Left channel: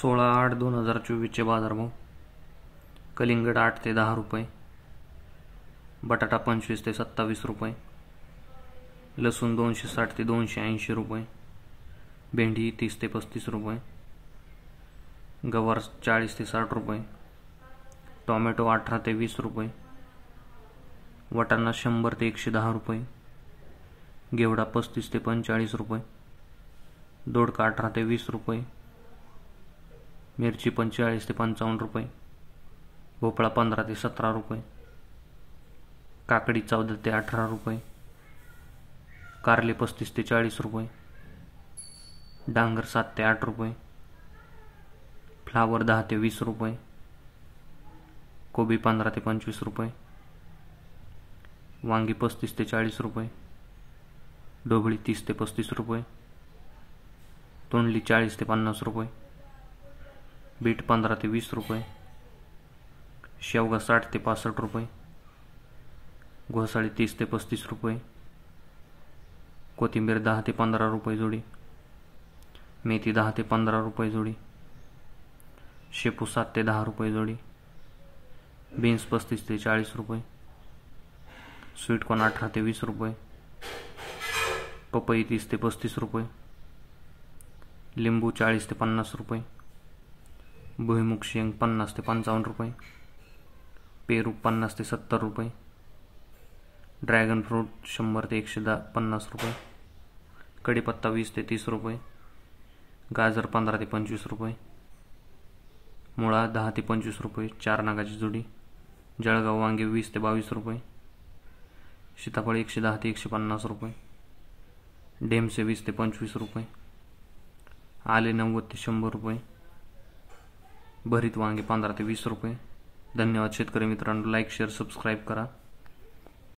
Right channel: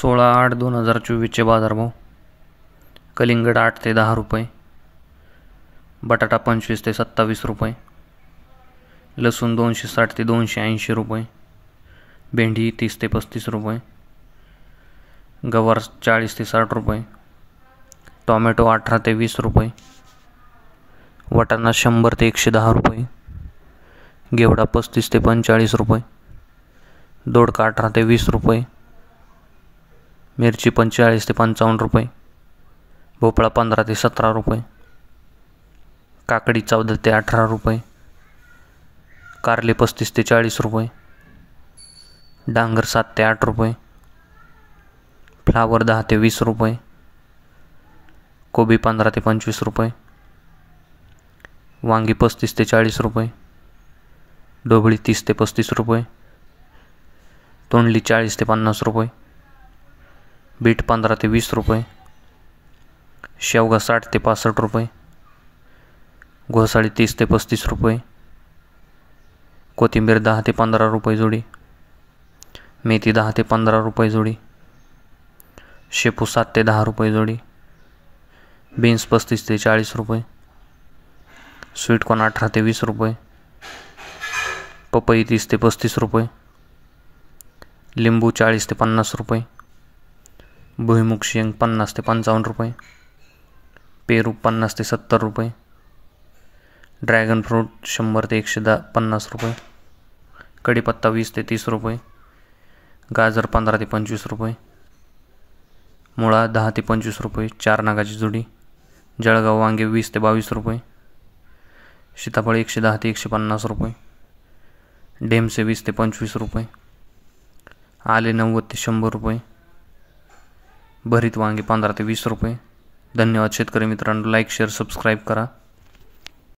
16/8/2024 बाजारभाव. कलिंगड 8 ते 10 रुपये, बटाटा 25 ते 27 रुपये, लसूण 260 ते 280 रुपये, भेंडी 30 ते 35 रुपये, गवार 40 ते 60 रुपये, टोमॅटो 18 ते 20 रुपये, वाटाणा 100 ते 110 रुपये, घेवडा 35 ते 45 रुपये, दोडका 18 ते 20 रुपये, मिरची 45 ते 55 रुपये, भोपळा 15 ते 17 रुपये, काकडी 14 ते 18 रुपये, कारले 35 ते 40 रुपये, डांगर 7 ते 8 रुपये, फ्लावर 10 ते 20 रुपये, कोबी 15 ते 25 रुपये, वांगी 35 ते 40 रुपये, ढोबळी 30 ते 35 रुपये, तोंडली 40 ते 50 रुपये, बीट 15 ते 20 रुपये, शेवगा 60 ते 65 रुपये, घोसाळी 30 ते 35 रुपये, कोथिंबीर 10 ते 15 रुपये जोडी, मेथी 10 ते 15 रुपये जोडी, शेपू 7 ते 10 रुपये जोडी, बीन्स 35 ते 40 रुपये, स्वीटकॉर्न 18 ते 20 रुपये, पपई 30 ते 35 रुपये, लिंबू 40 ते 50 रुपये, भुईमुग शेंग 50 ते 55 रुपये, पेरू 50 ते 70 रुपये, ड्रॅगन फ्रूट 100 ते 150 रुपये, कढीपत्ता 20 ते 30 रुपये, गाजर 15 ते 25 रुपये, मुळा 10 ते 25 रुपये 4 नागाची जोडी, जळगाव वांगे 20 ते 22 रुपये, सीताफळ 110 ते 150 रुपये, ढेमसे 20 ते 25 रुपये, आले 90 ते 100 रुपये, भरीत वांगे 15 ते 20 रुपये. धन्यवाद शेतकरी मित्रांनो. लाईक शेअर सबस्क्राईब करा.